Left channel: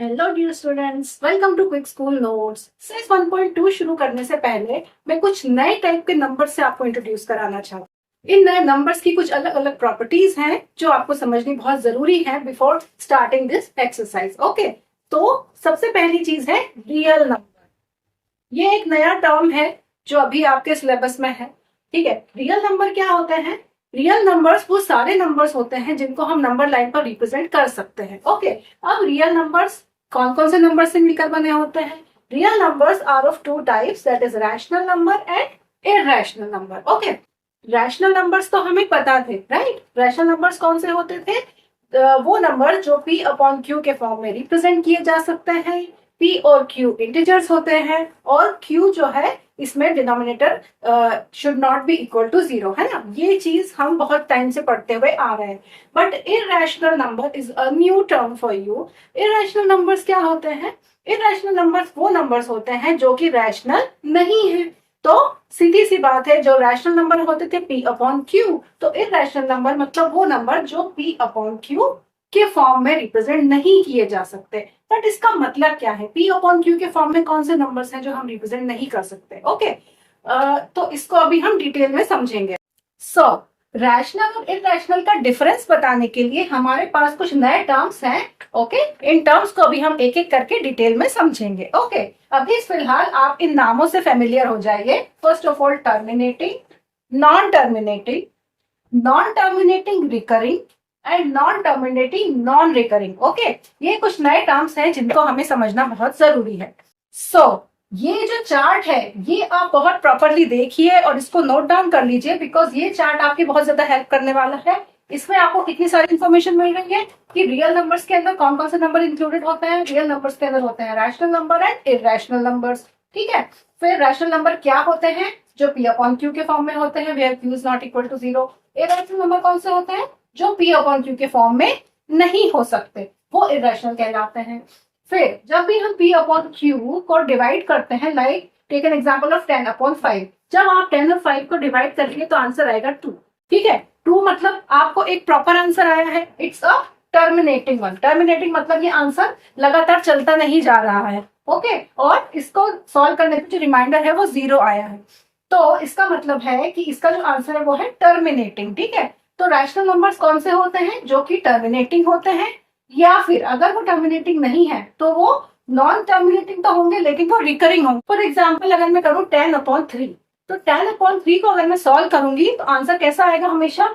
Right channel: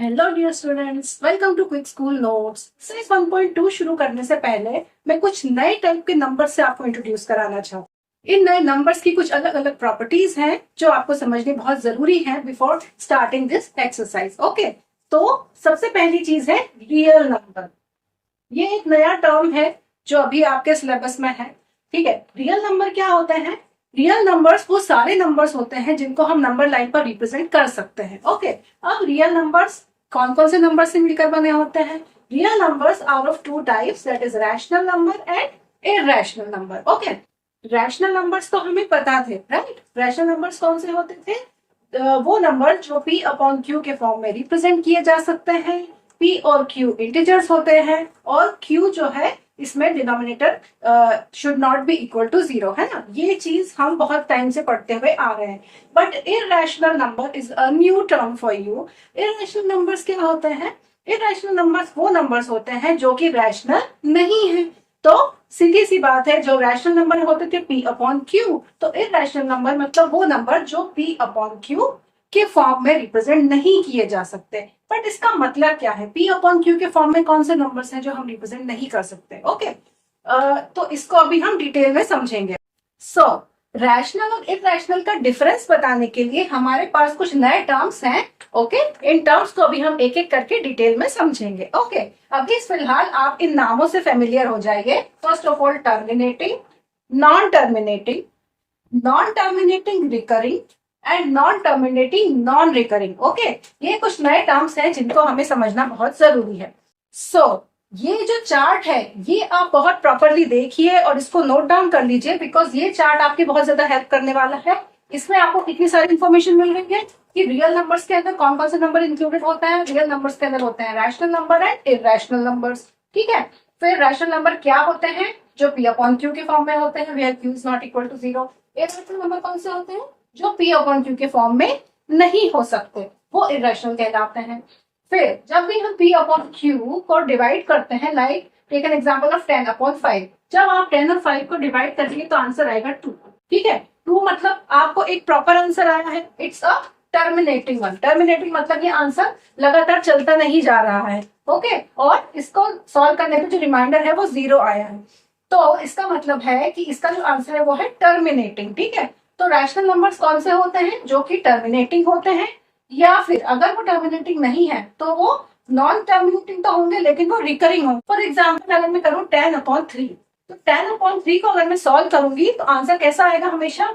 Hello dear students, welcome to quick school notes. Series 1.2 शुरू करने से पहले मैं कुछ नए टाइप के नंबर से आपको इंट्रोड्यूस कराना चाहती हूँ। इन नए नंबर्स की कुछ अलग अलग प्रॉपर्टीज हैं जो आपको समझनी बहुत जरूरी है before starting this exercise. Okay, तो सबसे पहली चीज है रियल नंबर। ये एक नया टर्म है जो अभी आपके सिलेबस में है। ठीक है, रियल नंबर क्या होते हैं? रियल नंबर्स वो सारे नंबर्स होते हैं जिनको हम नंबर लाइन पर रिप्रेजेंट कर सकते हैं। ओके, अब रियल नंबर्स कौन कौन से नंबर से मिलकर बने होते हैं? Real numbers are of two types, that is rational number and irrational number. Okay, rational numbers तो हमें पता थे, राइट? रैशनल नंबर्स कौन से होते थे? वो नंबर जो p अपॉन q के फॉर्म में रिप्रेजेंट किए जा सकते हैं। p और q इंटीजर्स होते हैं और q जो है इसमें denominator should not be equal to 0, है ना? ये चीज हम बहुत टाइम से पढ़ते हुए आ रहे हैं। But irrational number is a new term for you. Irrational numbers क्या होते हैं? इरैशनल नंबर्स वो नंबर्स होते हैं जो कि रैशनल नहीं है। तो सीधी सी बात है, जो रैशनल नंबर होते थे p अपॉन क्यू, तो इरैशनल नंबर मतलब वो नंबर जो p अपॉन क्यू के फॉर्म में रिप्रेजेंट नहीं किए जा सकते। बट इसका मतलब क्या है? p अपॉन क्यू के फॉर्म में कौन से नंबर्स हैं जो हम रिप्रेजेंट नहीं कर सकते? ओके, तो इसको अभी हम डिटेल में समझेंगे। सो रैशनल और इरैशनल का डिफरेंस बताने के लिए हमारे पास कुछ नए टर्म्स हैं। ओके, इन टर्म्स को अभी हम एक एक करके डिटेल में समझेंगे। ओके, अभी फिलहाल आप इन नामों से फेमिलियर हो जाएंगे। First of all terminating, non terminating, non terminating recurring and non terminating non recurring. Okay, ये कुछ नए टर्म्स हैं जिनको हमें समझना बहुत जरूरी है। सो ये जो चार्ट है ये आप बहुत प्रॉपरली देखिए और इसको नोट डाउन कर लीजिए, बिकॉज ये चार्ट आपकी बहुत ज्यादा हेल्प करने वाला है। इसमें आपको कितनी सारी इंफॉर्मेशन मिल रही है कि रियल नंबर्स के अंदर कौन कौन से नंबर इंक्लूडेड होते हैं। रियल नंबर्स के अंदर होते हैं rational number and irrational numbers. ठीक है, फिर रैशनल नंबर क्या होते हैं? जो p अपॉन क्यू के फॉर्म में होते हैं, where q is not equal to 0। Irrational number कौन से होते हैं? जो p अपॉन क्यू के फॉर्म में नहीं हो सकते, वो इरैशनल कहलाते हैं। फिर जब भी हम p अपॉन क्यू को डिवाइड करते हैं, like take an example of 10 upon 5, जब आप 10 और 5 को डिवाइड करिए तो आंसर आएगा 2। ठीक है, 2 मतलब आपको एक प्रॉपर आंसर आया है। It's a terminating one. Terminating मतलब ये आंसर लगातार चलता नहीं जा रहा है। ओके, और इसको सॉल्व करने पे जो रिमाइंडर है वो 0 आया है, तो इसका मतलब है कि इसका जो आंसर है वो है टर्मिनेटिंग। ठीक है, तो रैशनल नंबर्स कौन से होते हैं? जो कि टर्मिनेटिंग होते हैं, या फिर अगर वो टर्मिनेटिंग नहीं है तो वो नॉन टर्मिनेटिंग तो होंगे लेकिन वो रिकरिंग होंगे। फॉर एग्जाम्पल अगर मैं करूँ 10 अपॉन 3, तो 10 अपॉन 3 को अगर मैं सॉल्व करूंगी तो आंसर कैसा आएगा? हमेशा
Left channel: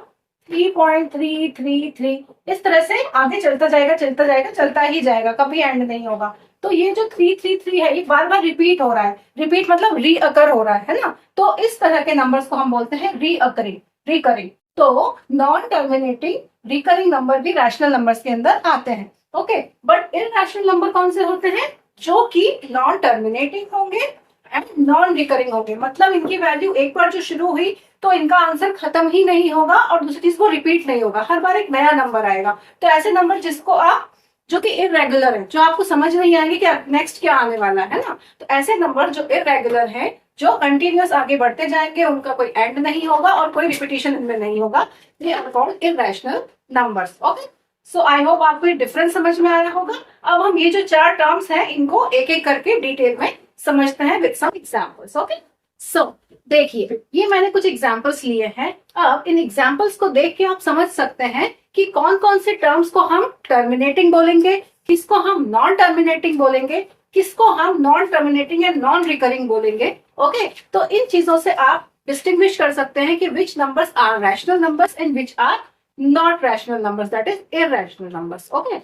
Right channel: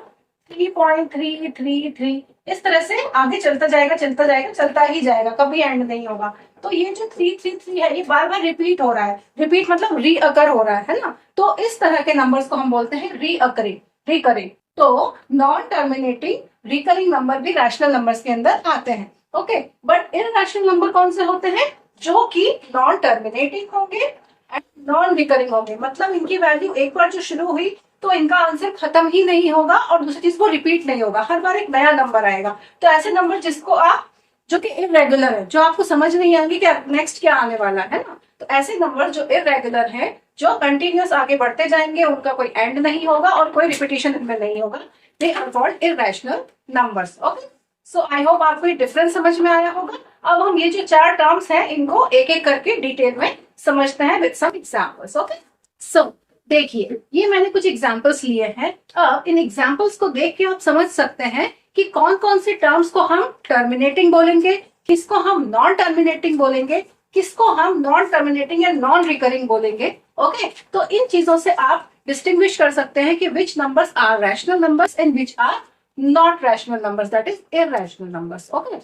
3.333। इस तरह से आगे चलता जाएगा चलता जाएगा चलता ही जाएगा, कभी एंड नहीं होगा। तो ये जो 333 है ये बार बार रिपीट हो रहा है। रिपीट मतलब रीअकर हो रहा है ना? तो इस तरह के नंबर्स को हम बोलते हैं रीअकरिंग, रिकरिंग। तो नॉन टर्मिनेटिंग रिकरिंग नंबर भी रैशनल नंबर्स के अंदर आते हैं। ओके, बट इरैशनल नंबर कौन से होते हैं? जो कि नॉन टर्मिनेटिंग होंगे एंड नॉन रिकरिंग होंगे। मतलब इनकी वैल्यू एक बार जो शुरू हुई तो इनका आंसर खत्म ही नहीं होगा, और दूसरी चीज वो रिपीट नहीं होगा, हर बार एक नया नंबर आएगा। तो ऐसे नंबर जिसको आप, जो कि इरेगुलर है, जो आपको समझ नहीं आएंगे कि नेक्स्ट क्या आने वाला है ना, तो ऐसे नंबर जो इरेगुलर है, जो कंटिन्यूअस आगे बढ़ते जाएंगे, उनका कोई एंड नहीं होगा और कोई रिपीटिशन इनमें नहीं होगा, they are called irrational numbers. Okay, so I hope आपको ये डिफरेंस समझ में आया होगा। अब हम ये जो 4 टर्म्स हैं इनको एक एक करके डिटेल में समझते हैं विद सम एग्जांपल्स। ओके, सो देखिए ये मैंने कुछ एग्जांपल्स लिए हैं। अब इन एग्जांपल्स को देख के आप समझ सकते हैं कि कौन कौन से टर्म्स को हम टर्मिनेटिंग बोलेंगे, किसको हम नॉन टर्मिनेटिंग बोलेंगे, किसको हम नॉन टर्मिनेटिंग या नॉन रिकरिंग बोलेंगे। ओके, तो इन चीजों से आप डिस्टिंग्विश कर सकते हैं कि which numbers are rational numbers and which are not rational numbers, that is irrational numbers. Okay,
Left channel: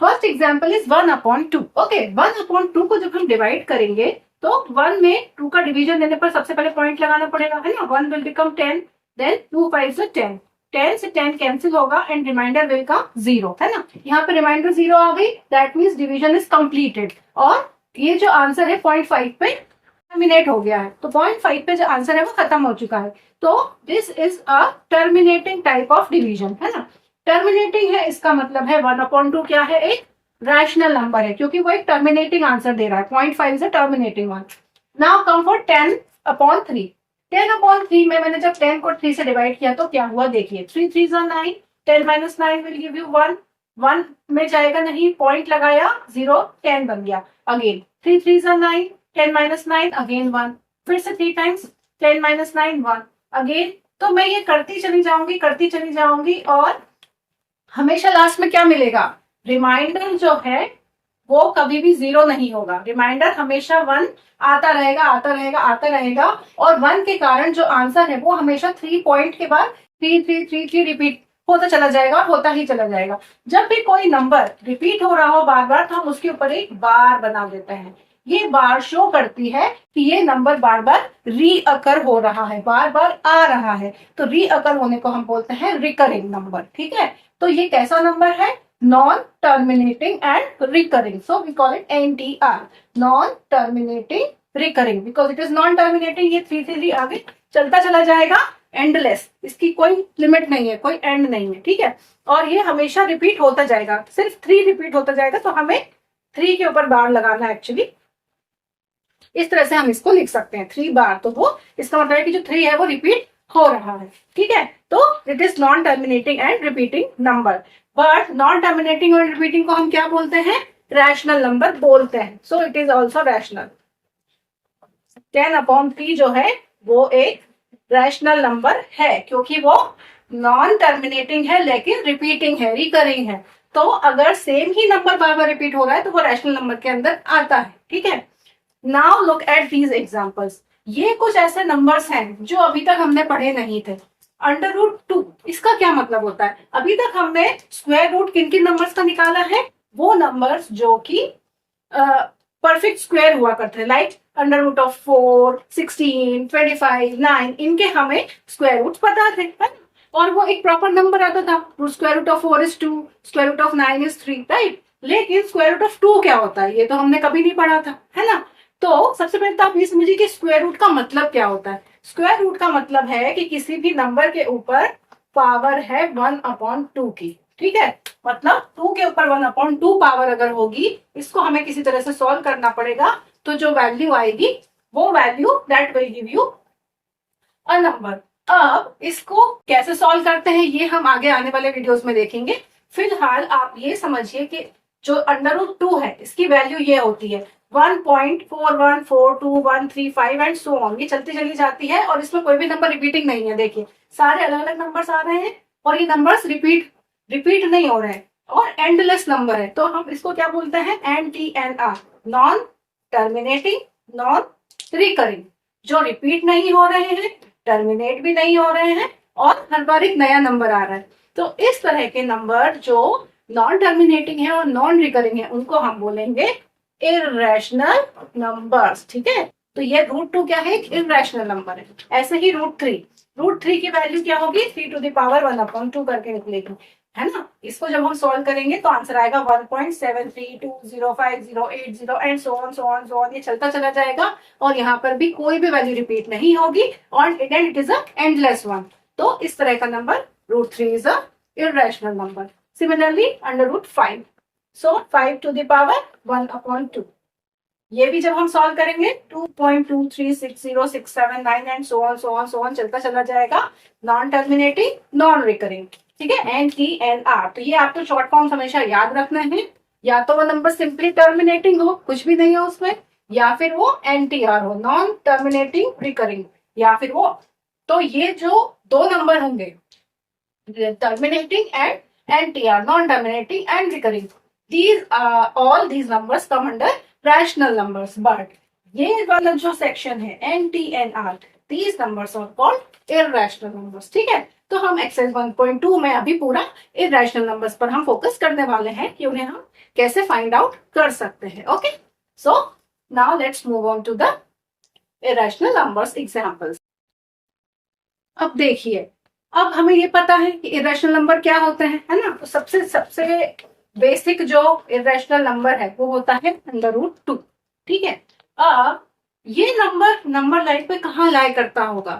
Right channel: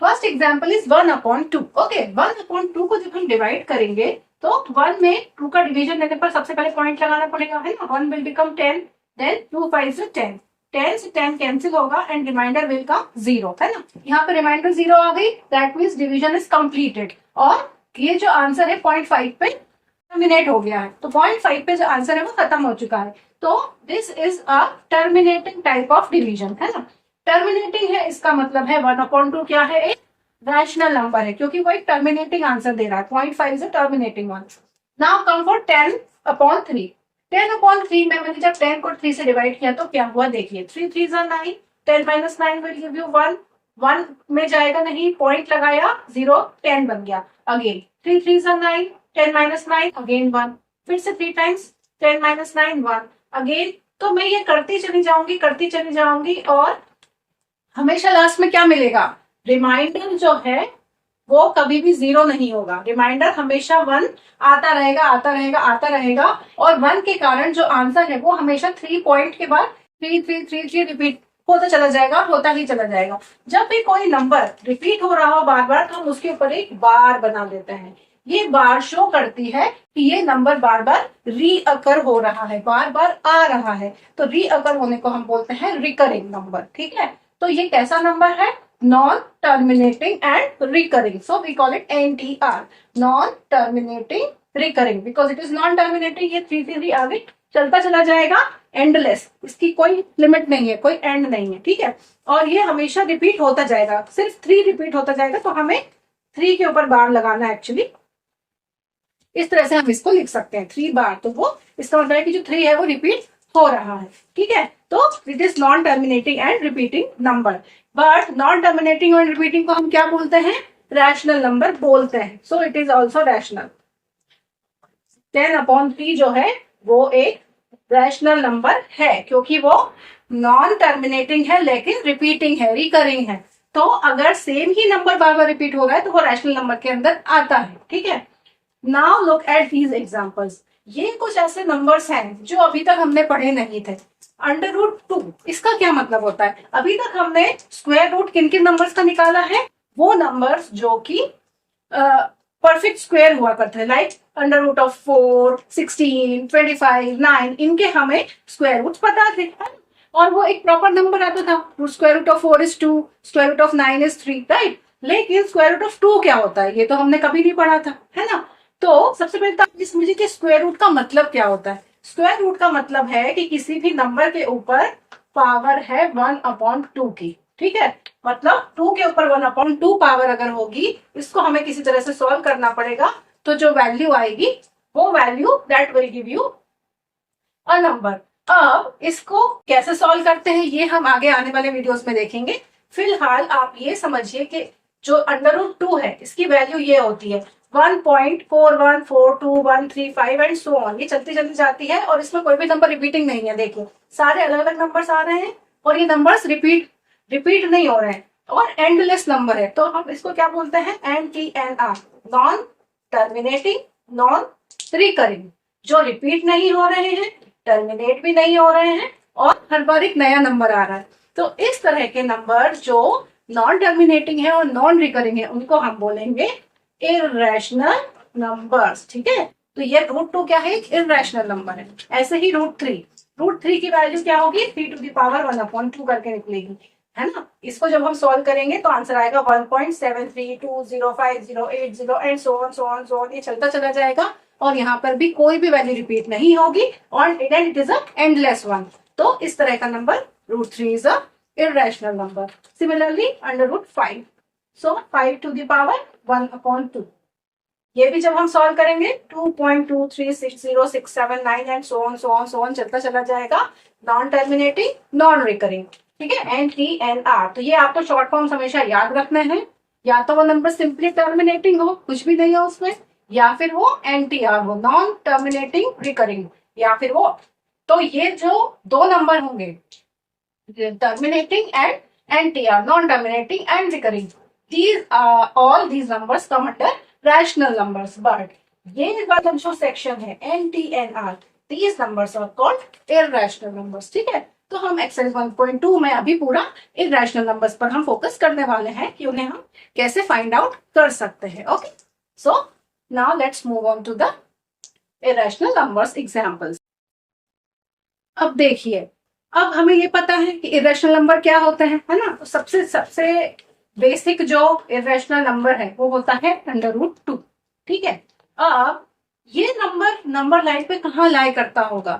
first example is 1 upon 2। Okay, 1 upon 2 को जब हम डिवाइड करेंगे तो 1 में 2 का डिवीजन लेने पर सबसे पहले पॉइंट लगाना पड़ेगा, है ना? 1 विल बिकम 10, देन 2 5 से 10, 10 से 10 कैंसिल होगा एंड रिमाइंडर विल कम 0, है ना? यहाँ पे रिमाइंडर 0 आ गई, that means division is completed, और ये जो आंसर है 0.5 पे टर्मिनेट हो गया है। तो 0.5 पे जो आंसर है वो खत्म हो चुका है। तो this is a terminating type of division, है ना? टर्मिनेटिंग है इसका मतलब है 1 अपॉन 2 क्या है? एक रैशनल नंबर है, क्योंकि वो एक टर्मिनेटिंग आंसर दे रहा है। 0.5 is a terminating one. Now come for 10 upon 3। 10 upon 3 में मैंने जब 10 को 3 से डिवाइड किया तो क्या हुआ? देखिए 3 3 9, 10 माइनस 9 विल गिव यू 1, 1 में जाएगा नहीं, पॉइंट लगाया, 0 10 बन गया। अगेन 3 3 9, 10 माइनस 9 अगेन 1, फिर से 3 टाइम्स 10 माइनस 9 1 अगेन। तो मैं ये करती चली जाऊंगी और हमेशा लास्ट में क्या मिलेगा, रिमाइंडर जो है वो कभी भी 0 नहीं होगा, रिमाइंडर हमेशा 1 आता रहेगा। और 1 के कारण जो आंसर है वो हमेशा 3 पॉइंट के बाद 3 3 3 3 रिपीट होता चला जाएगा, होता ही चला जाएगा। जब भी कोई नंबर रिपीट हो रहा हो बार बार तो हम उसके ऊपर एक बार बना देते हैं। ये बार शो करती है कि ये नंबर बार बार रीअकर हो रहा है, बार बार आ रहा है। तो रीअकर होने को हम बोलते हैं रिकरिंग नंबर। ठीक है, तो ये कैसा नंबर है, non terminating and recurring, so we call it NTR, non terminating recurring, because it is non terminating. ये 3 3 आगे चलता चला जाएगा, एंडलेस, इसकी कोई लिमिट नहीं है, कोई एंड नहीं है। ठीक है, और ये हमेशा रिपीट होता जाएगा, सिर्फ 3 रिपीट होता जाएगा। तो हमें 3 के ऊपर बार लगाना है एक्चुअली, इस तरह से हम इसको लिख सकते हैं 3 बार। तो वो इसका मतलब है कि जो 3 है वो रिपीट हो रहा है। ठीक है, तो it is non terminating and repeating number. But non terminating और रिपीटिंग को हम क्या बोलते हैं, रैशनल नंबर बोलते हैं। So it is also rational. 10/3 जो है वो एक रैशनल नंबर है, क्योंकि वो नॉन टर्मिनेटिंग है लेकिन रिपीटिंग है, रिकरिंग है। तो अगर सेम ही नंबर बार बार रिपीट हो रहा है तो वो रैशनल नंबर के अंदर आता है। ठीक है, now look at these examples. ये कुछ ऐसे नंबर्स हैं जो अभी तक हमने पढ़े नहीं थे। √2, इसका क्या मतलब होता है, अभी तक हमने स्क्वायर रूट किन किन नंबर्स का निकाला है, वो नंबर्स जो कि परफेक्ट स्क्वायर हुआ करते हैं, लाइक √4, 16, 25, 9, इनके हमें स्क्वायर रूट पता थे, है? और वो एक प्रॉपर नंबर आता था, √4 is 2, √9 is 3, राइट। लेकिन √2 क्या होता है, ये तो हमने कभी नहीं पढ़ा था, है ना। तो सबसे पहले तो आप ये समझिए कि स्क्वायर रूट का मतलब क्या होता है। स्क्वायर रूट का मतलब है कि किसी भी नंबर के ऊपर पावर है 1/2 की। ठीक है, मतलब 2 के ऊपर 1/2 पावर अगर होगी, इसको हमें किसी तरह से सॉल्व करना पड़ेगा। तो जो वैल्यू आएगी वो value that will give you a number. अब इसको कैसे सॉल्व करते हैं ये हम आगे आने वाले वीडियोस में देखेंगे। फिलहाल आप ये समझिए कि जो √2 है इसकी वैल्यू ये होती है 1.4142 एंड सो ऑन, ये चलती चली जाती है और इसमें कोई भी नंबर रिपीटिंग नहीं है। देखिए सारे अलग अलग नंबर्स आ रहे हैं और ये नंबर्स रिपीट नहीं हो रहे हैं और एंडलेस नंबर है। तो हम इसको क्या बोलते हैं, NTNR, non terminating non recurring, जो रिपीट नहीं हो रहे हैं, टर्मिनेट भी नहीं हो रहे हैं और हर बार एक नया नंबर आ रहा है। तो इस तरह के नंबर जो नॉन टर्मिनेटिंग है और नॉन रिकरिंग है उनको हम बोलेंगे इररेशनल नंबर्स। ठीक है, तो ये √2 क्या है, एक इररेशनल नंबर है। ऐसे ही √3 की वैल्यू क्या होगी, 3⁻1/2 करके निकलेगी, है ना। इसको जब हम सॉल्व करेंगे तो आंसर आएगा 1.73205080 एंड सो ऑन, ये चलता चला जाएगा और यहाँ पर भी कोई भी वैल्यू रिपीट नहीं होगी और it is a endless one. तो इस तरह का number √3 is a irrational number. Similarly, √5. So 5⁻1/2. ये भी जब हम सॉल्व करेंगे 2.2360679 एंड सो ऑन चलता चला जाएगा, नॉन टर्मिनेटिंग नॉन रिकरिंग। ठीक है, NTNR। तो ये आपको शॉर्ट फॉर्म्स हमेशा याद रखने हैं, या तो वो नंबर सिंपली टर्मिनेटिंग हो, कुछ भी नहीं है उसमें, या फिर वो NTR हो, नॉन टर्मिनेटिंग रिकरिंग, या फिर वो, तो ये जो दो नंबर होंगे terminating and NTR, non-terminating and recurring, all these numbers come under rational numbers. But ये वाला जो सेक्शन है NTNR, these numbers are called irrational numbers. ठीक है, तो हम एक्सरसाइज 1.2 में अभी पूरा irrational numbers पर हम फोकस करने वाले हैं कि उन्हें हम कैसे फाइंड आउट कर सकते हैं। Okay, so now let's move on to the irrational numbers examples. अब देखिए, अब हमें ये पता है कि इरेशनल नंबर क्या होते हैं, है ना। तो सबसे बेसिक जो इरेशनल नंबर है वो होता है √2। ठीक है, अब ये नंबर लाइन पे कहाँ लाई करता होगा,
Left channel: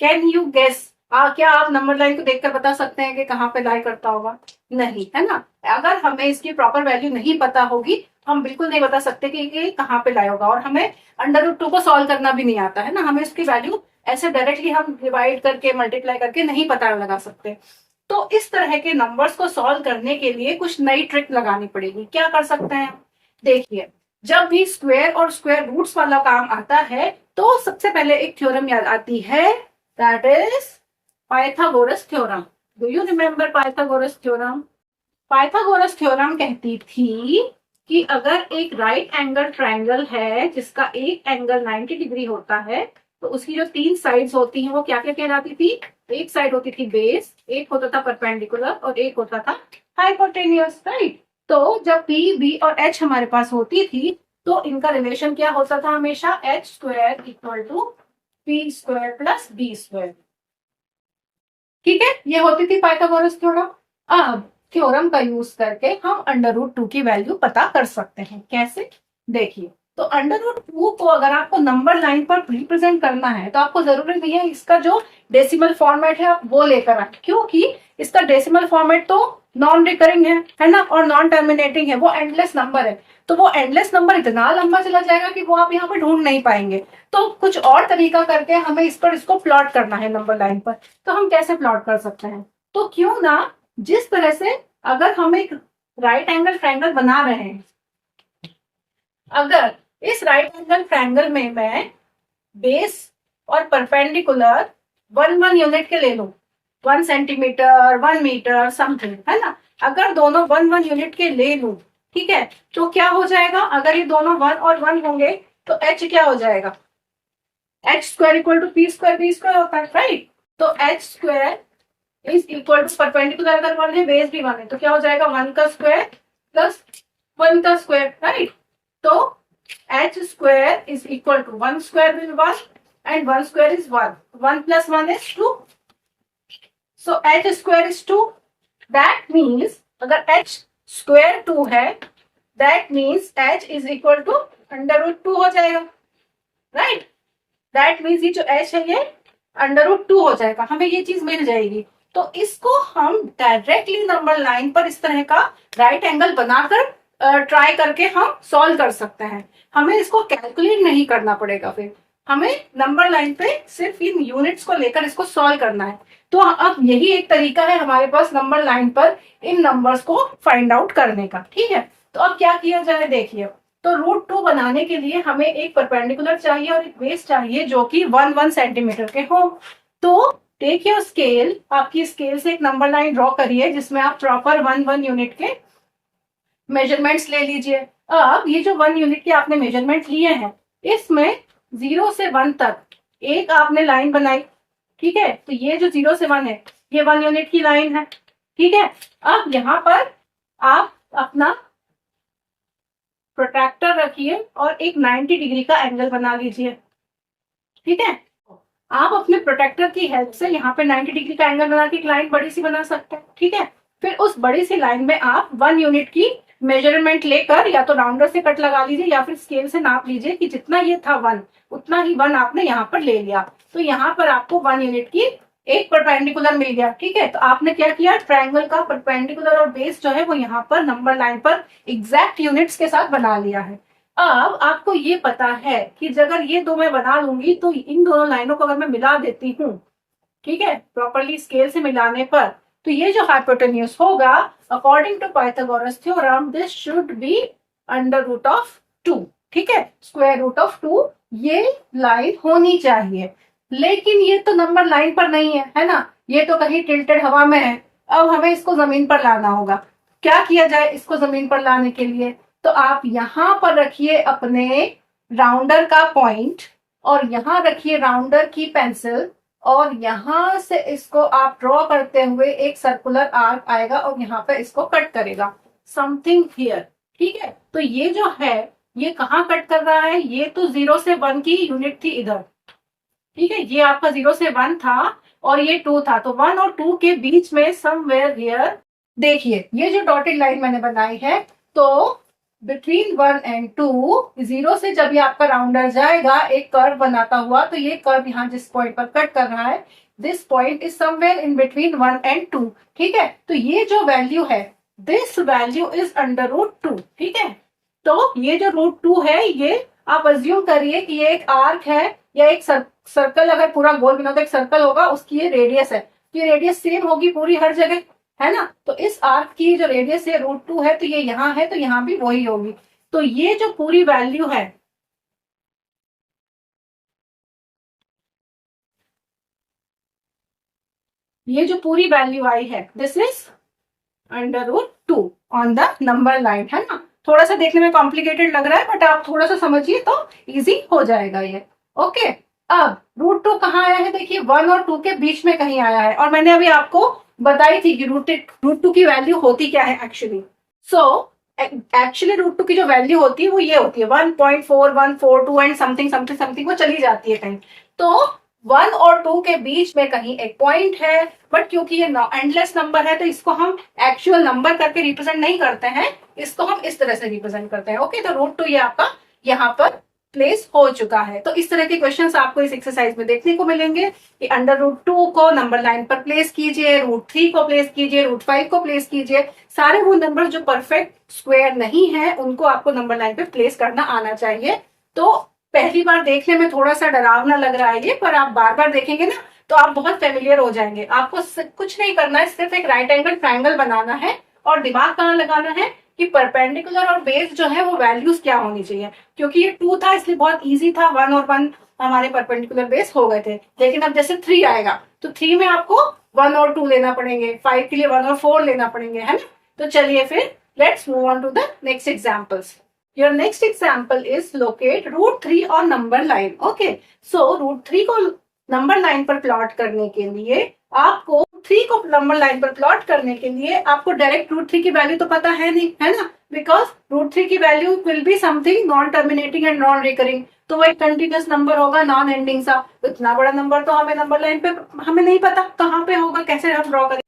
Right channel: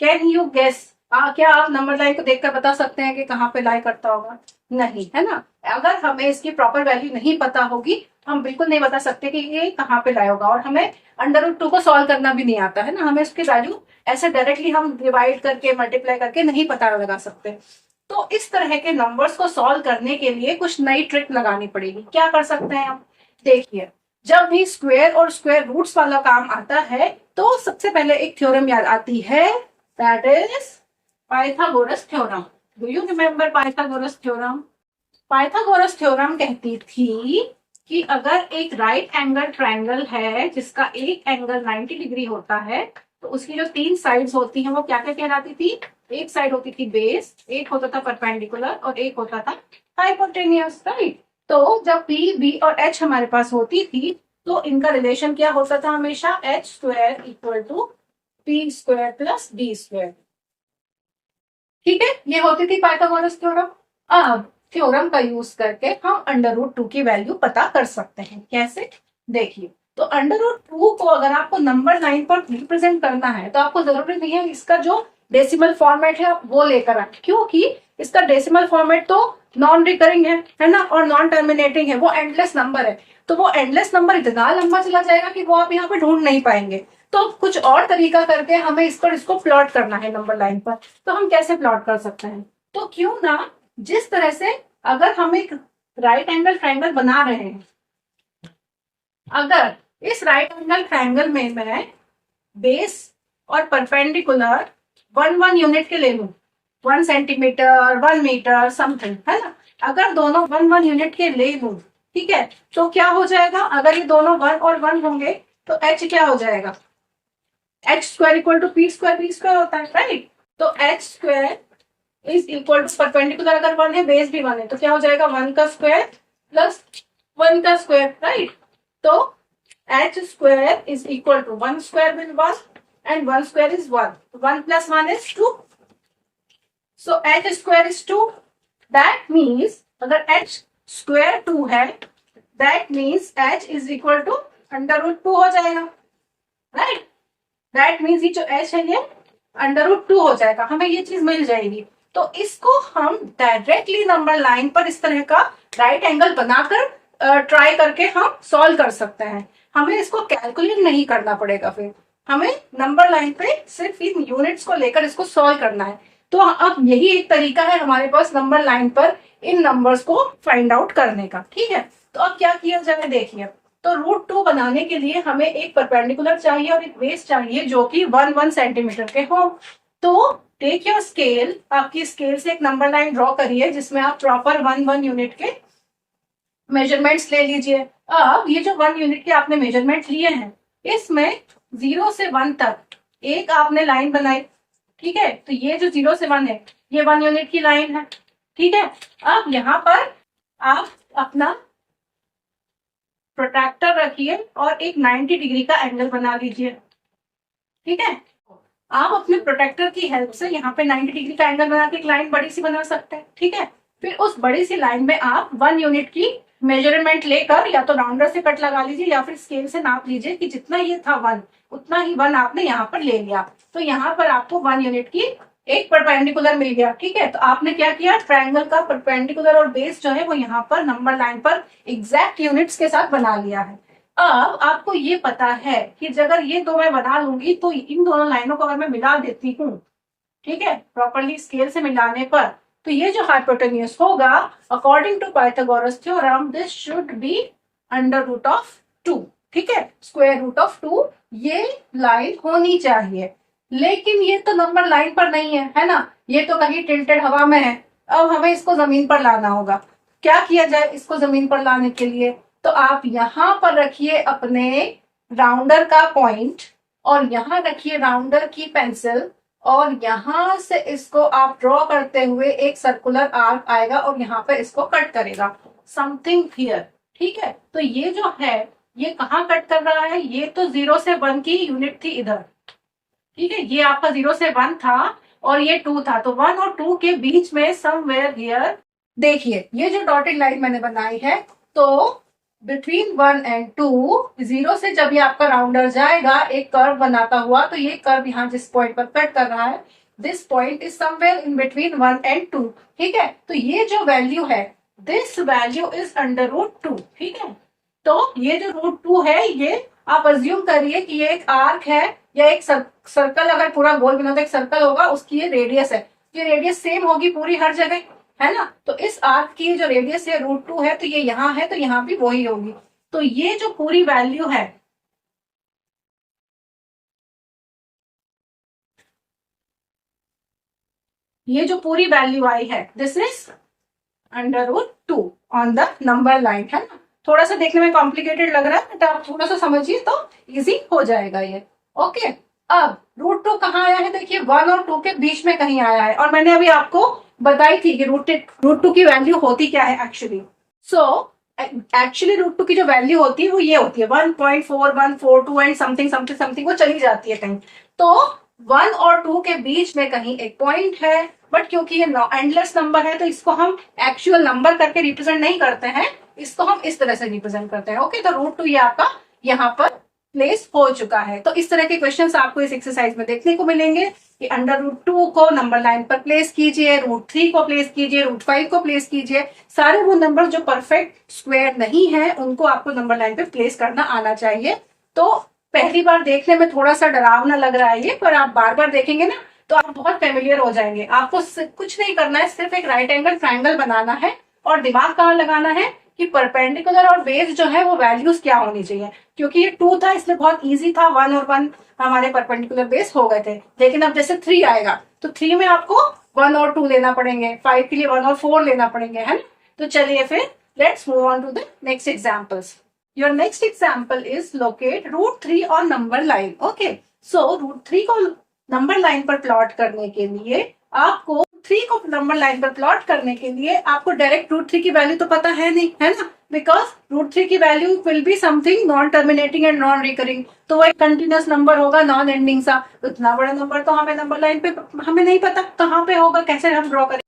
कैन यू गेस, क्या आप नंबर लाइन को देखकर बता सकते हैं कि कहाँ पे लाई करता होगा, नहीं, है ना। अगर हमें इसकी प्रॉपर वैल्यू नहीं पता होगी हम बिल्कुल नहीं बता सकते कि ये कहाँ पे लाई होगा। और हमें √2 को सॉल्व करना भी नहीं आता है ना, हमें इसकी वैल्यू ऐसे डायरेक्टली हम डिवाइड करके मल्टीप्लाई करके नहीं पता लगा सकते। तो इस तरह के नंबर्स को सॉल्व करने के लिए कुछ नई ट्रिक लगानी पड़ेगी। क्या कर सकते हैं आप? देखिए, जब भी स्क्वायर और स्क्वायर रूट्स वाला काम आता है तो सबसे पहले एक थ्योरम याद आती है, that is Pythagoras theorem. Do you remember Pythagoras theorem? Pythagoras theorem कहती थी कि अगर एक राइट एंगल ट्रायंगल है जिसका एक एंगल 90 डिग्री होता है, तो उसकी जो 3 साइड्स होती हैं वो क्या क्या कहलाती थी? एक साइड होती थी बेस, एक होता था परपेंडिकुलर और एक होता था हाइपोटेन्यूस, राइट? तो जब पी, बी और एच हमारे पास होती थी तो इनका रिलेशन क्या होता था? हमेशा h square equal to p square plus b square. ठीक है, ये होती थी पाइथागोरस थ्योरम। अब थ्योरम का यूज करके हम अंडर रूट 2 की वैल्यू पता कर सकते हैं। कैसे? देखिए, तो अंडर रूट 2 को अगर आपको नंबर लाइन पर रिप्रेजेंट करना है तो आपको जरूरी नहीं है इसका जो डेसिमल फॉर्मेट है आप वो लेकर आए, क्योंकि इसका डेसिमल फॉर्मेट तो नॉन रिकरिंग है ना, और नॉन टर्मिनेटिंग है, वो एंडलेस नंबर है। तो वो एंडलेस नंबर इतना लंबा चला जाएगा कि वो आप यहाँ पे ढूंढ नहीं पाएंगे। तो कुछ और तरीका करके हमें इस पर इसको प्लॉट करना है नंबर लाइन पर। तो हम कैसे प्लॉट कर सकते हैं? तो क्यों ना जिस तरह से, अगर हम एक राइट एंगल ट्रायंगल बना रहे हैं, अगर इस राइट एंगल ट्रायंगल में मैं बेस और परपेंडिकुलर 1 यूनिट के ले लूं, 1 सेंटीमीटर, 1 मीटर समथिंग, है ना, अगर दोनों 1 यूनिट के ले लूं, ठीक है, तो क्या हो जाएगा? अगर ये दोनों 1 और 1 होंगे तो एच क्या हो जाएगा? H square equal to p square b square होता है, राइट? तो h square is equal to perpendicular अगर 1 है, बेस भी 1 है, तो क्या हो जाएगा? 1 का स्क्वायर प्लस 1 का स्क्वायर, राइट? तो h square is equal to 1 square will 1 and 1 square is 1. 1 plus 1 is 2. So h square is 2. That means अगर h square 2 है, that means h is equal to under root 2 हो जाएगा, right? That means ये जो h है ये under root 2 हो जाएगा, हमें ये चीज मिल जाएगी। तो इसको हम डायरेक्टली नंबर लाइन पर इस तरह का राइट एंगल बनाकर ट्राई करके हम सॉल्व कर सकते हैं। हमें इसको कैलकुलेट नहीं करना पड़ेगा, फिर हमें नंबर लाइन पे सिर्फ इन यूनिट्स को लेकर इसको सॉल्व करना है। तो अब यही एक तरीका है हमारे पास नंबर लाइन पर इन नंबर्स को फाइंड आउट करने का, ठीक है? तो अब क्या किया जाए, देखिए, तो रूट 2 बनाने के लिए हमें एक परपेंडिकुलर चाहिए और एक बेस चाहिए जो कि 1 सेंटीमीटर के हो। तो टेक योर स्केल, आपकी स्केल से एक नंबर लाइन ड्रॉ करिए जिसमें आप प्रॉपर 1 यूनिट के मेजरमेंट्स ले लीजिए। अब ये जो 1 यूनिट के आपने मेजरमेंट लिए हैं, इसमें 0 से 1 तक एक आपने लाइन बनाई, ठीक है? तो ये जो 0 से 1 है ये 1 यूनिट की लाइन है, ठीक है? अब यहाँ पर आप अपना प्रोट्रैक्टर रखिए और एक 90 डिग्री का एंगल बना लीजिए, ठीक है? आप अपने प्रोटेक्टर की हेल्प से यहाँ पे 90 डिग्री का एंगल बना के एक लाइन बड़ी सी बना सकते हैं, ठीक है? फिर उस बड़ी सी लाइन में आप 1 यूनिट की मेजरमेंट लेकर या तो राउंडर से कट लगा लीजिए या फिर स्केल से नाप लीजिए कि जितना ये था 1 उतना ही 1 आपने यहाँ पर ले लिया। तो यहाँ पर आपको 1 यूनिट की एक परपेंडिकुलर मिल गया, ठीक है? तो आपने क्या किया, ट्रायंगल का परपेंडिकुलर और बेस जो है वो यहाँ पर नंबर लाइन पर एग्जैक्ट यूनिट्स के साथ बना लिया है। अब आपको ये पता है कि अगर ये दो मैं बना लूंगी तो इन दोनों लाइनों को अगर मैं मिला देती हूँ, ठीक है, प्रॉपरली स्केल से मिलाने पर, तो ये जो हाइपोटेन्यूज होगा according to Pythagoras theorem this should be under root of 2, ठीक है, स्क्वायर रूट ऑफ 2 ये लाइन होनी चाहिए। लेकिन ये तो नंबर लाइन पर नहीं है ना, ये तो कहीं टिल्टेड हवा में है। अब हमें इसको जमीन पर लाना होगा। क्या किया जाए इसको जमीन पर लाने के लिए? तो आप यहां पर रखिए अपने राउंडर का पॉइंट और यहां रखिए राउंडर की पेंसिल और यहां से इसको आप ड्रॉ करते हुए एक सर्कुलर आर्क आएगा और यहाँ पे इसको कट करेगा, समथिंग हियर, ठीक है? तो ये जो है ये कहाँ कट कर रहा है? ये तो 0 से 1 की यूनिट थी इधर, ठीक है, ये आपका 0 से 1 था और ये 2 था, तो 1 और 2 के बीच में समवेयर हियर देखिए ये जो डॉटेड लाइन मैंने बनाई है, तो बिटवीन 1 एंड 2 0 से जब ये आपका राउंडर जाएगा एक कर्व बनाता हुआ, तो ये कर्व यहाँ जिस पॉइंट पर कट कर रहा है this point is somewhere in between 1 and 2, ठीक है? तो ये जो वैल्यू है this value is under root 2, ठीक है? तो ये जो रूट 2 है ये आप अज्यूम करिए कि ये एक आर्क है या एक सर्कल, अगर पूरा गोल बना तो एक सर्कल होगा, उसकी ये रेडियस है। ये रेडियस सेम होगी पूरी हर जगह, है ना। तो इस आर्क की जो रेडियस है √2 है, तो ये यहाँ है, तो यहाँ भी वही होगी। तो ये जो पूरी वैल्यू है, ये जो पूरी वैल्यू आई है, this is √2 on the number line, है ना। थोड़ा सा देखने में कॉम्प्लिकेटेड लग रहा है, बट आप थोड़ा सा समझिए तो इजी हो जाएगा ये। ओके, अब √2 कहाँ आया है, देखिए 1 और 2 के बीच में कहीं आया है, और मैंने अभी आपको बताई थी कि √2 की वैल्यू होती क्या है एक्चुअली। सो एक्चुअली √2 की जो वैल्यू होती है वो ये होती है 1.4142 एंड समथिंग समथिंग समथिंग, वो चली जाती है कहीं। तो 1 और 2 के बीच में कहीं एक पॉइंट है, बट क्योंकि ये एंडलेस नंबर है तो इसको हम एक्चुअल नंबर करके रिप्रेजेंट नहीं करते हैं, इसको हम इस तरह से रिप्रेजेंट करते हैं। ओके, तो √2 ये आपका यहाँ पर प्लेस हो चुका है। तो इस तरह के क्वेश्चंस आपको इस एक्सरसाइज में देखने को मिलेंगे कि √2 को नंबर लाइन पर प्लेस कीजिए, √3 को प्लेस कीजिए, √5 को प्लेस कीजिए। सारे वो नंबर जो परफेक्ट स्क्वायर नहीं है उनको आपको नंबर लाइन पे प्लेस करना आना चाहिए। तो पहली बार देखने में थोड़ा सा डरावना लग रहा है ये, पर आप बार बार देखेंगे ना तो आप बहुत फेमिलियर हो जाएंगे। आपको कुछ नहीं करना है, सिर्फ एक राइट एंगल ट्राइंगल बनाना है, और दिमाग कहाँ लगाना है कि परपेंडिकुलर और बेस जो है वो वैल्यूज क्या होनी चाहिए। क्योंकि ये 2 था इसलिए बहुत इजी था, 1 और 1 हमारे परपेंडिकुलर बेस हो गए थे। लेकिन अब जैसे 3 आएगा तो 3 में आपको 1 और 2 लेना पड़ेंगे, 5 के लिए 1 और 4 लेना पड़ेंगे, है ना। तो चलिए फिर let's move on to the next examples. Your next example is locate √3 on number line. Okay, so √3 को नंबर लाइन पर प्लॉट करने के लिए आपको 3 को नंबर लाइन पर प्लॉट करने के लिए आपको डायरेक्ट √3 की वैल्यू तो पता है नहीं, है ना, बिकॉज √3 की value will be something non terminating and non recurring. तो वो एक कंटिन्यूस नंबर होगा, नॉन एंडिंग सा। इतना बड़ा नंबर तो हमें नंबर लाइन पे हमें नहीं पता कहाँ पे होगा, कैसे हम ड्रॉ करें।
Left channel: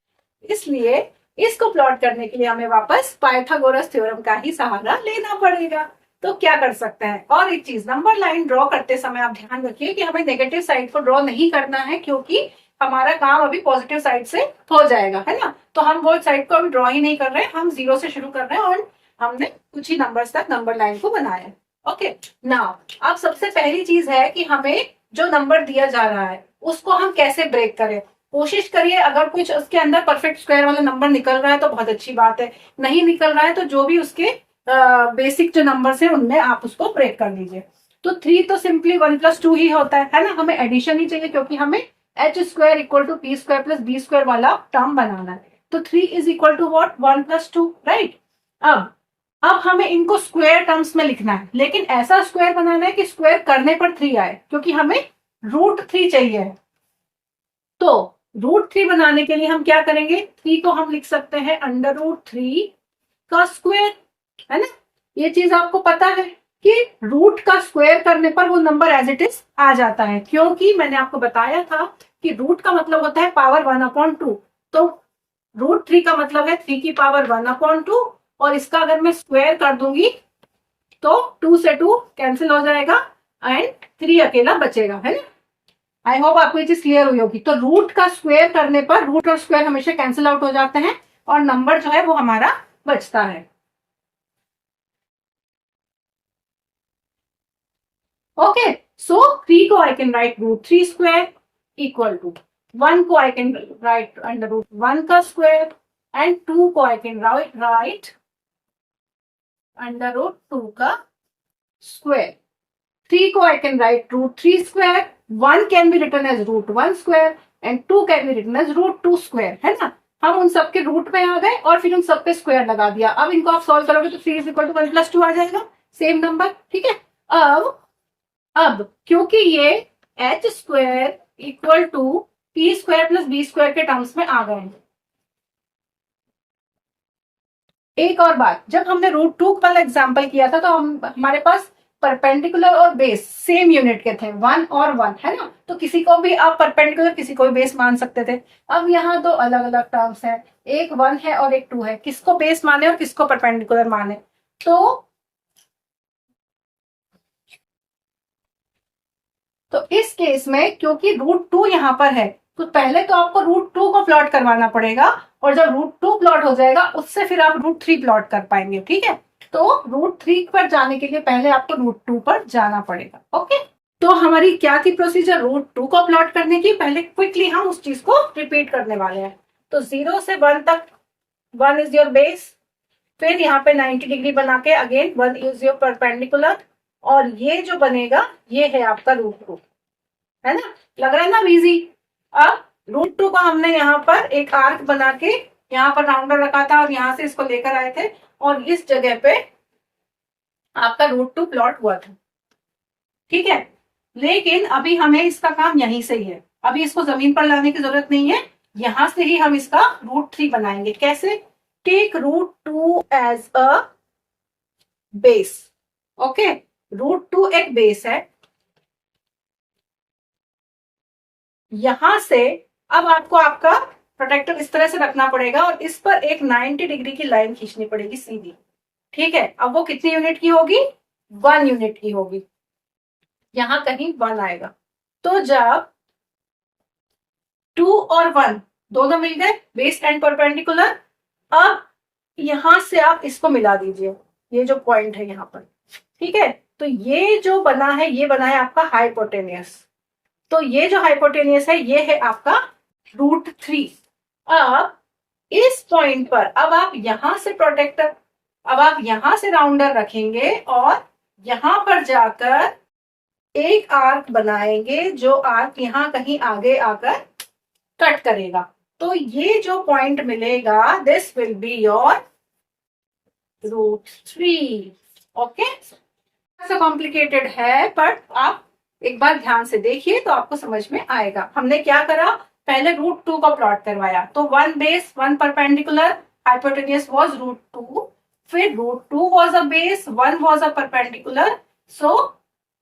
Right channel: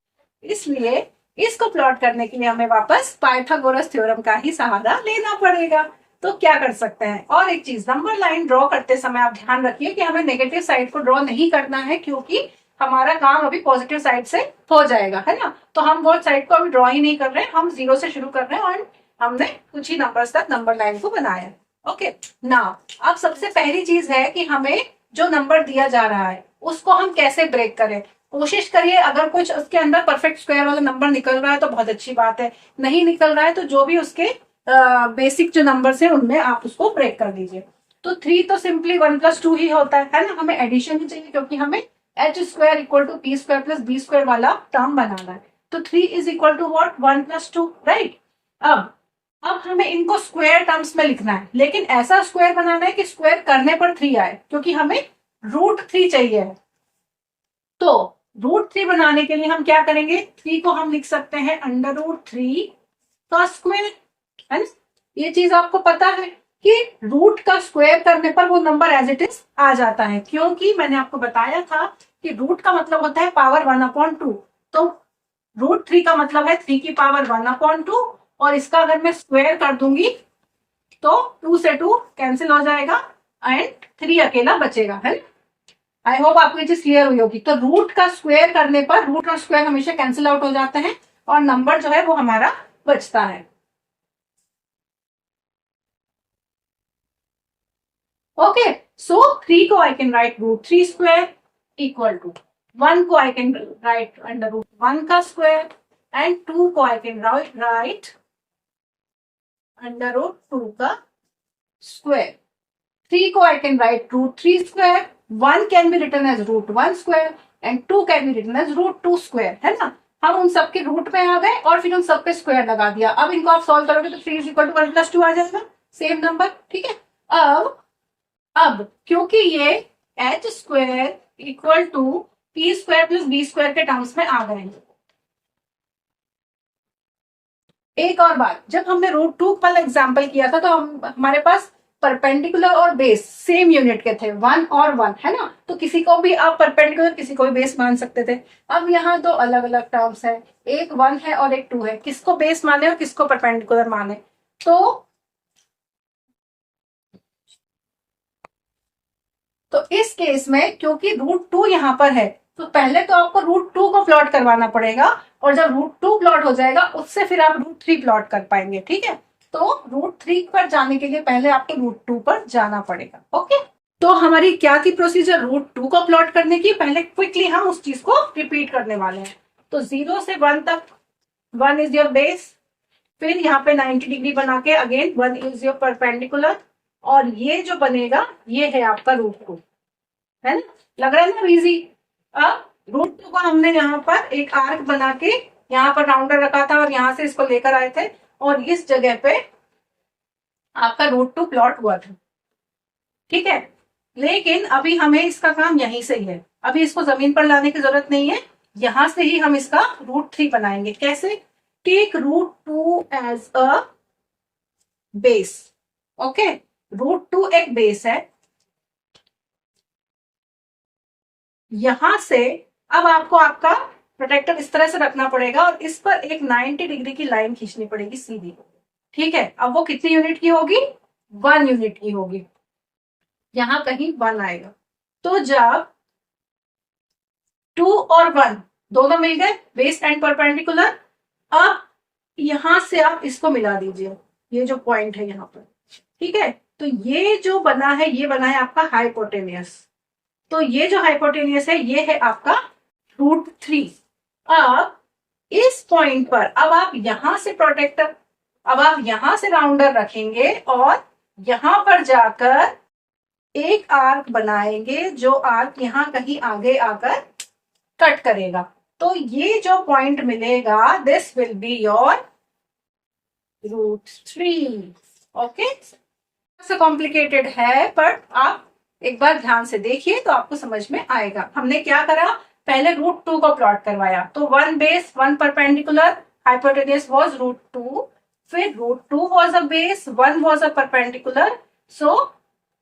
इसलिए इसको प्लॉट करने के लिए हमें वापस पाइथागोरस थ्योरम का ही सहारा लेना पड़ेगा। तो क्या कर सकते हैं, और एक चीज, नंबर लाइन ड्रॉ करते समय आप ध्यान रखिए कि हमें नेगेटिव साइड को ड्रॉ नहीं करना है, क्योंकि हमारा काम अभी पॉजिटिव साइड से हो जाएगा, है ना। तो हम वो साइड को अभी ड्रॉ ही नहीं कर रहे हैं, हम 0 से शुरू कर रहे हैं और हमने कुछ ही नंबर्स तक नंबर लाइन को बनाया। ओके, नाउ अब सबसे पहली चीज है कि हमें जो नंबर दिया जा रहा है उसको हम कैसे ब्रेक करें। कोशिश करिए, अगर कुछ उसके अंदर परफेक्ट स्क्वायर वाला नंबर निकल रहा है तो बहुत अच्छी बात है, नहीं निकल रहा है तो जो भी उसके बेसिक जो नंबर्स है उनमें आप उसको ब्रेक कर दीजिए। तो 3 तो सिंपली 1 + 2 ही होता है ना, हमें एडिशन ही चाहिए क्योंकि हमें h² = p² + b² वाला टर्म बनाना है। तो 3 = what 1 + 2, राइट। अब हमें इनको स्क्वायर टर्म्स में लिखना है, लेकिन ऐसा स्क्वायर बनाना है कि स्क्वायर करने पर 3 आए, क्योंकि हमें √3 चाहिए। तो √3 बनाने के लिए हम क्या करेंगे, 3 को हम लिख सकते हैं √3 का स्क्वायर, है ना। ये चीज आपको पता है कि रूट का स्क्वायर करने पर वो नंबर एज इट इज आ जाता है, क्योंकि मैंने आपको बताया था कि रूट का मतलब होता है पावर 1/2। तो √3 का मतलब है 3 की पावर 1/2, और इसका अगर मैं स्क्वायर कर दूंगी तो 2 से 2 कैंसिल हो जाएगा एंड 3 अकेला बचेगा, है ना। आई होप आपको ये चीज क्लियर हुई होगी। तो रूट का स्क्वायर करने पर रूट और स्क्वायर हमेशा कैंसिल आउट हो जाते हैं और नंबर जो है वो हमारा बचता है। ओके, सो 3 को I can write √3² equal to 1 को आई कैन राइट √1 का स्क्वायर एंड 2 को आई कैन राइट √2 का स्क्वायर। 3 को I can write √3², 1 can be written as √1² and 2 can be written as √2², है ना। हम उन सबके रूट में आ गए और फिर उन सबके स्क्वायर लगा दिया। अब इनको आप सॉल्व करोगे तो 3 = 1 + 2 आ जाएगा, सेम नंबर, ठीक है। अब क्योंकि ये h² = p² + b² के टर्म्स में आ गए हैं। एक और बात, जब हमने √2 वाला एग्जाम्पल किया था तो हमारे पास परपेंडिकुलर और बेस सेम यूनिट के थे, 1 और 1, है ना। तो किसी को भी आप परपेंडिकुलर किसी को भी बेस मान सकते थे। अब यहाँ 2 अलग अलग टर्म्स है, एक 1 है और एक 2 है, किसको बेस माने और किसको परपेंडिकुलर माने। तो इस केस में क्योंकि √2 यहाँ पर है तो पहले तो आपको √2 को प्लॉट करवाना पड़ेगा, और जब √2 प्लॉट हो जाएगा उससे फिर आप √3 प्लॉट कर पाएंगे, ठीक है। तो √3 पर जाने के लिए पहले आपको √2 पर जाना पड़ेगा। ओके, तो तो हमारी क्या थी प्रोसीजर, √2 को प्लॉट करने की। पहले क्विकली हम उस चीज को रिपीट करने वाले हैं। तो 0 से 1 तक 1 इज योर बेस, फिर यहाँ पे 90 डिग्री बना के अगेन 1 इज योर परपेंडिकुलर, और ये जो बनेगा ये है आपका √2, है ना। लग रहा है ना इजी। अब √2 को हमने यहाँ पर एक आर्क बना के यहाँ पर राउंडर रखा था और यहाँ से इसको लेकर आए थे, और इस जगह पे आपका √2 प्लॉट हुआ था, ठीक है। लेकिन अभी हमें इसका काम यहीं से ही है, अभी इसको जमीन पर लाने की जरूरत नहीं है, यहां से ही हम इसका √3 बनाएंगे। कैसे? Take √2 as a base, okay. √2 एक बेस है, यहां से अब आपको आपका प्रोटेक्टर इस तरह से रखना पड़ेगा और इस पर एक 90 डिग्री की लाइन खींचनी पड़ेगी सीधी, ठीक है। अब वो कितनी यूनिट की होगी? 1 यूनिट की होगी, यहां कहीं 1 आएगा। तो जब 2 और 1 दोनों मिल गए, बेस एंड परपेंडिकुलर, अब यहां से आप इसको मिला दीजिए, ये जो पॉइंट है यहां पर, ठीक है। तो ये जो बना है ये बना है आपका हाइपोटेनियस। तो ये जो हाइपोटेनियस है ये है आपका √3। अब इस पॉइंट पर अब आप यहां से प्रोटेक्टर, अब आप यहां से राउंडर रखेंगे और यहां पर जाकर एक आर्क बनाएंगे, जो आर्क यहां कहीं आगे आकर कट करेगा। तो ये जो पॉइंट मिलेगा, this will be your √3, okay. से कॉम्प्लिकेटेड है पर आप एक बार ध्यान से देखिए तो आपको समझ में आएगा। हमने क्या करा, पहले √2 को प्लॉट करवाया, तो 1 बेस 1 परपेंडिकुलर, हाइपोटेनियस वाज √2, फिर √2 was a base, 1 was a perpendicular, so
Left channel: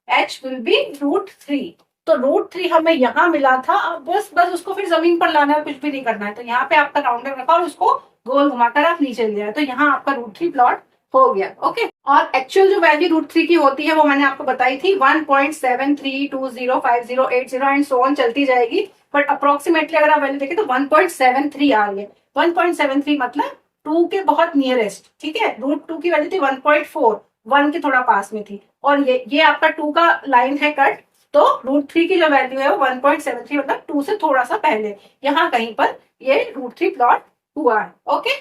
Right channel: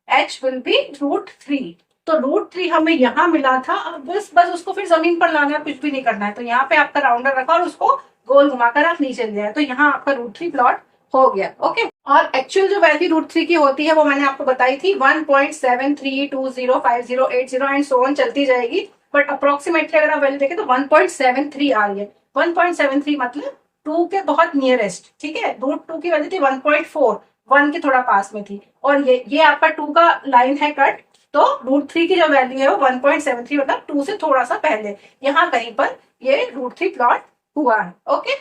h will be √3। तो √3 हमें यहाँ मिला था, अब बस उसको फिर जमीन पर लाना है, कुछ भी नहीं करना है। तो यहाँ पे आपका राउंडर रखा और उसको गोल घुमाकर आप नीचे ले आए, तो यहाँ आपका √3 प्लॉट हो गया, ओके। और एक्चुअल जो वैल्यू √3 की होती है वो मैंने आपको बताई थी, 1.73205080 एंड सो ऑन चलती जाएगी, बट अप्रोक्सीमेटली अगर आप वैल्यू देखें तो 1.73 आ रही है। 1.73 मतलब 2 के बहुत नियरेस्ट, ठीक है। √2 की वैल्यू थी 1.4, 1 के थोड़ा पास में थी, और ये आपका 2 का लाइन है कट, तो √3 की जो वैल्यू है वो 1.73 मतलब 2 से थोड़ा सा पहले, यहाँ कहीं पर ये √3 प्लॉट हुआ है, ओके।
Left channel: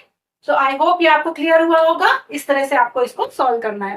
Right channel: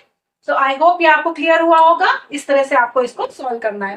सो आई होप ये आपको क्लियर हुआ होगा। इस तरह से आपको इसको सॉल्व करना है।